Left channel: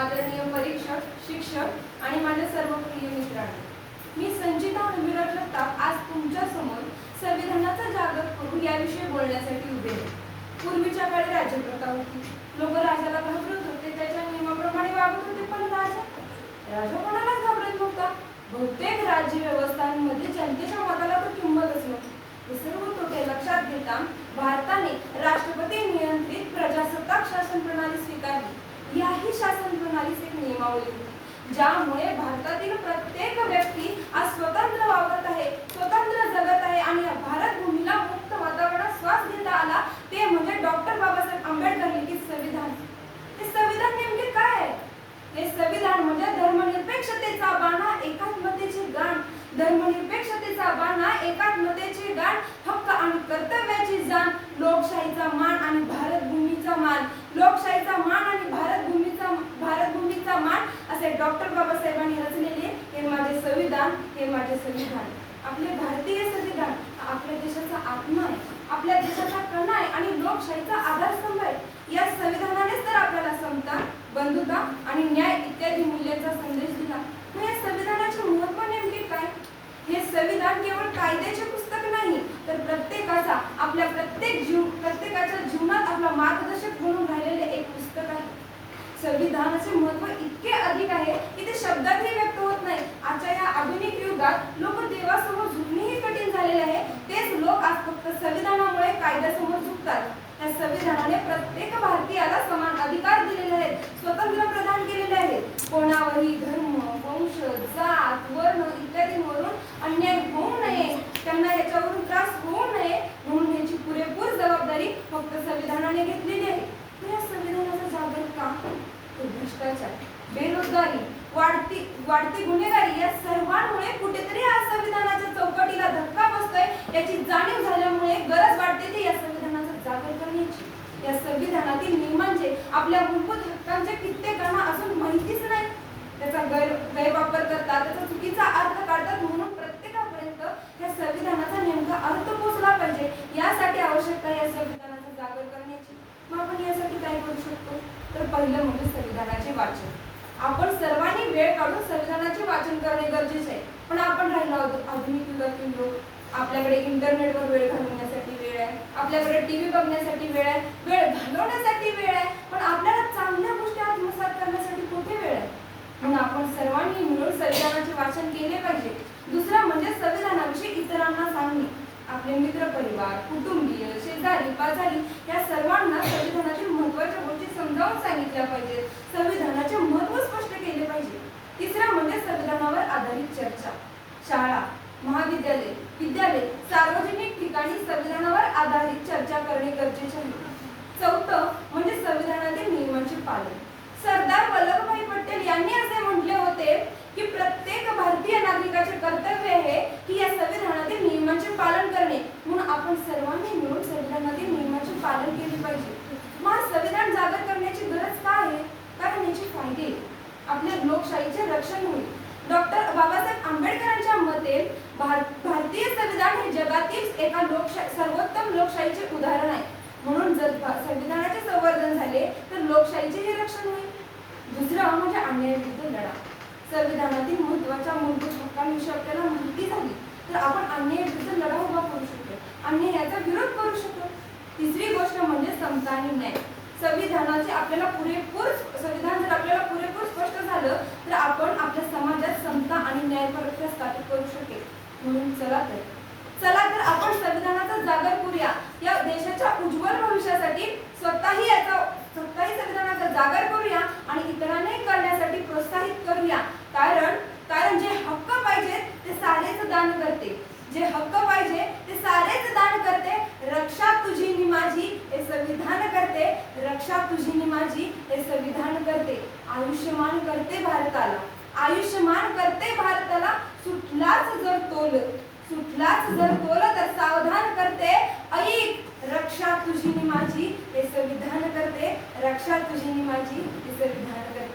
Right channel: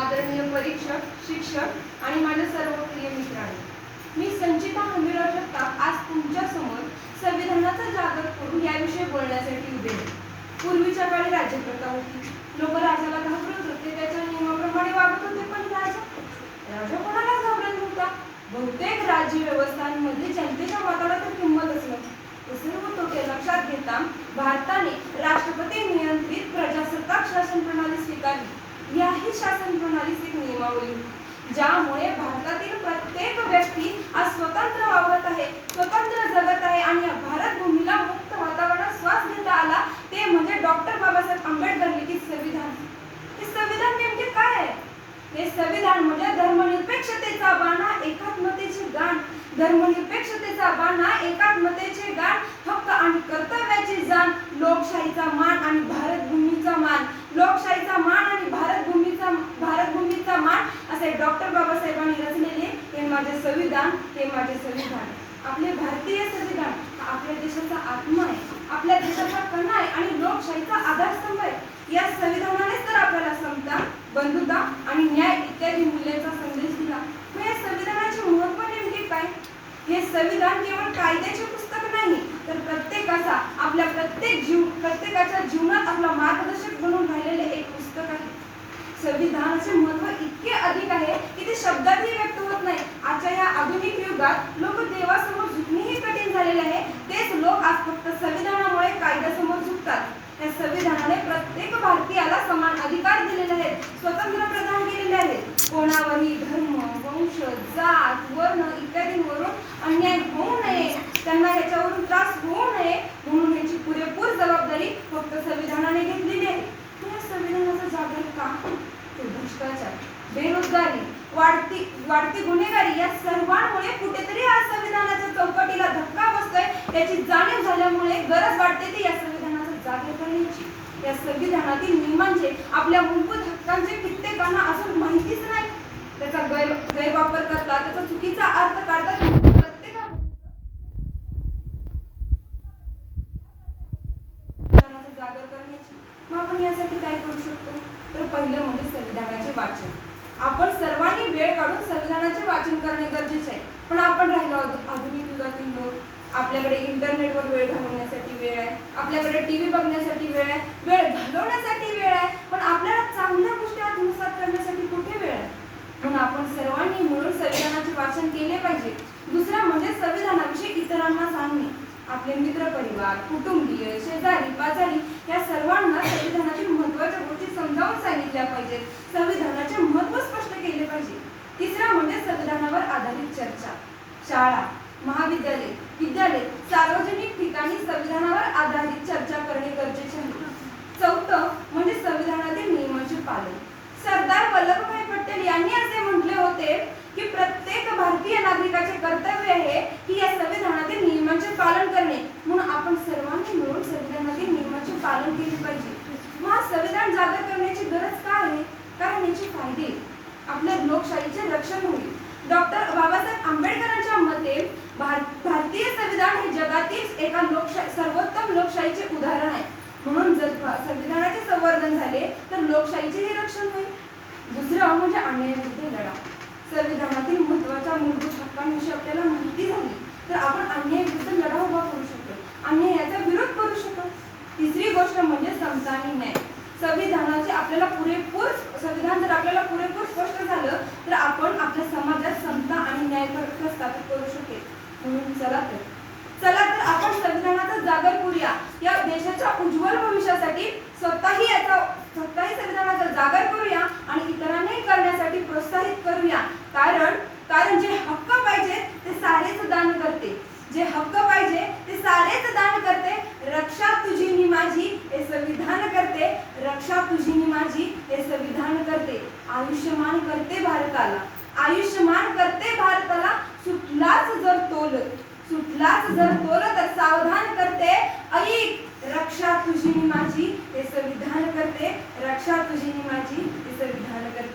आदरणीय परीक्षक शिक्षक आणि माझ्या सर्व प्रिय मित्रांनो मी संचिता हमीराव जगताप आज तुमच्यासमोर संविधानाचा जागर करू याविषयी बोलण्यासाठी उभे आहे. पूर्वीच्या काळी राज्यप्रथा होती. लोक राजाला घाबरत होते त्याच्या नियमाप्रमाणे वागत होते पण राजा राजा कोणालाच घाबरत नव्हता. बहुतेक राज्य व्यवस्थांमध्ये जनतेच्या मताला तर किंमतच नव्हती. हे सर्व तोटे लक्षात घेता भारताने राष्ट्रपती नियंत्रित स्वीकारली शासन प्रणालीची एक नियमावली ज्यामुळे भारतातील प्रत्येक व्यक्ती आज स्वतंत्र वावरत आहे स्वतंत्र जगत आहे आणि या भारत भूमीला मुक्त वातावरणात श्वास घेता आला ते म्हणजे डॉक्टर बाबासाहेब आंबेडकर लिखित संविधान. हे संविधान नेमके काय आहे? हे संविधान म्हणजे धर्मनिरपेक्षतेचा बाणा एकात्मतेचे गाण. धर्मनिरपेक्षतेचा बाणा एकात्मतेचे गाण हक्क आणि कर्तव्याची जाण लोकशाहीचा मान आणि भारत भूमीचा मान. लोकशाहीचा मान आणि भारत भूमीचा भारत भूमीचा बाबासाहेब डॉक्टर बाबासाहेबांनी रचलेले हे माझे संविधान हे माझे संविधान. आपले भारतीय संविधान हा आपल्या देशाचा आत्मा आहे. आपल्या देशाचा कणा आहे आणि लोकशाहीचा आधारस्तंभ आहे. या संविधानानेच तर आपल्याला समता बंधुता आणि न्याय इत्यादी मूल्यांचा संदेश दिला. मग या संविधानाचे महत्त्व नेमके काय? हे संविधान केवळ कायद्याचे पुस्तक नाही तर प्रत्येकाचा आपल्या प्रत्येक जीव प्रत्येकाच्या जीवनात आपला मार्गदर्शक बनून राहिलेले एक पुस्तक आहे. संविधानाचे महत्त्व इतके अधिक आहे की ते शब्दातही व्यक्त होत नाही. आजच्या या आधुनिक युगात लोक देवासमोर झुकणेही कठीण झालेले आहे. तेच लोक आज फक्त संविधानामुळे कायद्यासमोर झुकतात. या संविधानाने प्रत्येक भारतीयाला समान अधिकार दिलेले आहेत स्वतंत्र प्रदान केलेले आहेत. कोणावरही धर्म वंश जात वर्ण इत्यादींवरून अन्याय होऊ नये. त्यांना याच्यावरून त्रास होऊ नये. म्हणून याची पुरेपूर जबाबदारी फक्त संविधानाने घेतली आहे मग या संविधानाचा जागर का तर भ्रष्टाचार बेरोजगारी वाढती वाढती गुन्हेगारी या सर्वांमुळे कुठेतरी आज संविधानाच्या चौकटीला धक्का बसतोय याची जाणीव झाल्यामुळे गरज वाटते ते या संविधानाचा जागर करण्याची या संविधानातील नियमांचे म्हणजे आपल्या मूलभूत हक्कांचे कित्येकांना अजून माहितीच नाही. त्याचा गैर गैरवापर करतात त्याचा चुकीचा अर्थ काढतात म्हणून प्रत्येकापर्यंत या संविधानाचा नेमका अर्थ पोहोचला पाहिजे. यासाठी आवश्यकता या संविधानाचा जागर करण्याची. मग आपण यासाठी काय करू शकतो? तर पहिलं म्हणजे संविधानाचे वाचन. आपण सर्वांनी वेळ काढून संविधानाचे वाचन करणे गरजेचे आहे. पण आपण राहिलो आहोत आधुनिक युगातील लोक आपल्याकडे इंटरनेटवर वेळ घालवण्यासाठी वेळ आहे. आपल्याकडे टीव्ही बघण्यासाठी वेळ आहे. वेळ घालवण्यासाठी वेळ आहे. पण आपल्याला चांगल्या गोष्टी आत्मसात करण्यासाठी कुठे वेळ आहे? म्हणून आपण सर्वांनी मिळून संविधानाचे वाचन केले पाहिजे. दुसरा म्हणजे संविधानाविषयी इतरांना सांगणे. आपले मित्र परिवार कुटुंबीय शेजारी पाजारी या सर्वांना संविधानातील महत्त्वाच्या गोष्टी समजावून सांगितल्या पाहिजेत संविधानाचे महत्त्व स्पष्ट केले पाहिजे तिसरं म्हणजे संविधानावर आधारित चर्चा शाळा महाविद्यालय विद्यालय सार्वजनिक ठिकाणी संविधानावर आधारित चर्चा करणे गरजेचे आहे चौथं म्हणजे संविधानातील नियमांचे पालन. सरदार वल्लभभाई पटेल यांनी असे म्हटले होते की प्रत्येक भारतीय नागरिकाचे कर्तव्य आहे की या संविधानातील नियमांचे पालन करणे. म्हणून आपण सर्वांनी मिळून संविधानातील नियमांचे पालन केले पाहिजे. मग हा संविधान जागर करण्याची गरज काय आहे? कारण याचे फायदे आपल्या लोकशाहीचे रक्षण होईल. डॉक्टर बाबासाहेब आंबेडकरांच्या मते भार- भारतीय संविधान हे जगातील एका लोकशाही सर्वोत्तम लोकशाहीचे उदाहरण आहे. म्हणून जर संविधानाचे संवर्धन झाले तर लोकशाहीचेही रक्षण होईल. दुसरं म्हणजे अन्यायाविरुद्ध लढा. संविधानातील महत्त्वाच्या मूलभूत हक्कांविषयी आपल्याला माहिती झाली तर आपण अन्यायाविरुद्ध लढा उभा करू शकतो. अन्यायाचा विरोध करू शकतो. तिसरी गोष्ट म्हणजे समता आणि न्याय. संविधानाचे आपल्याला पुरेपूर संविधान जर आपल्याला पुरेपूर स्पष्ट झालं तर आपण आपल्या समाजात समता आणि न्याय स्थापित करू शकेल. म्हणून चला तर चला तर आपण संविधानाचा जागर करूया. या देशाच्या उज्ज्वल भविष्यासाठी स्वतःही याचा स्वतःही संविधानाचा जागर करूया आणि इतरांनाही करण्यासाठी प्रोत्साहित करूया. कारण कारण जे हक्क पाहिजे ते सारेच दान करते. जे हक्क पाहिजे ते सारेच दान करते. रक्षा तुझी नि माझी हे संविधान करते. रक्षा तुझी नि माझी हे संविधान करते. आयुष्यमान करते भारताला. आयुष्यमान करते भारताला. सुटलाच जर तोल सुटलाच जर तोल तर सावधान करते. ऐक रक्षा तुझी माझी. हे संविधान करते. रक्षा तुझी माझी. हे संविधान करते.